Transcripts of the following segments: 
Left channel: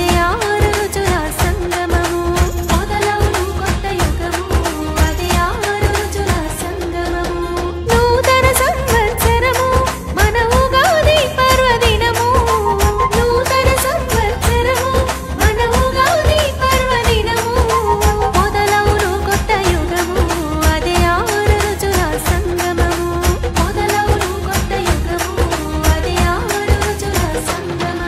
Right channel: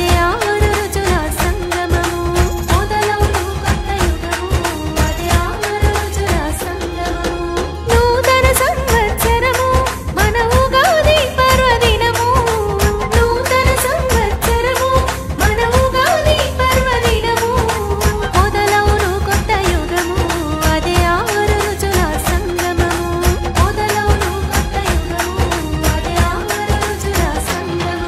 అదే ఆరు రుచుల సంగమము. మొదలవును కొత్త యుగము, అదే ఆరు రుచుల సంగమము. నూతన సంవత్సరము మన ఉగాది పర్వదినము. నూతన సంవత్సరము మన ఉగాది పర్వదినము. మొదలవును కొత్త యుగము, అదే ఆరు రుచుల సంగమము. మొదలవును కొత్త యుగము, అదే ఆరు రుచుల సంగమము.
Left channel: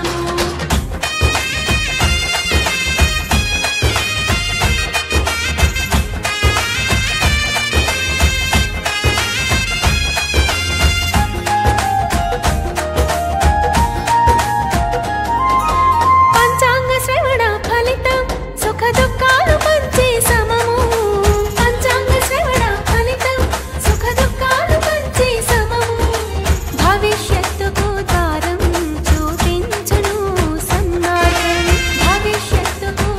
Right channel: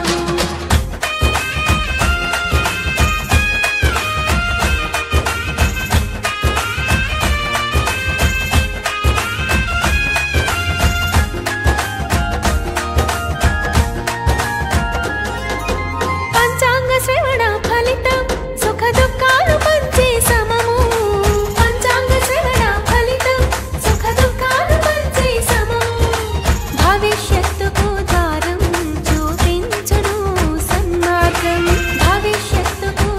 పంచాంగ శ్రవణ ఫలితం సుఖ దుఃఖాలు పంచే సమము. పంచాంగ శ్రవణ ఫలితం సుఖ దుఃఖాలు పంచే సమము. భవిష్యత్తుకు ద్వారం చూపించును సన్మార్గం. భవిష్యత్తుకు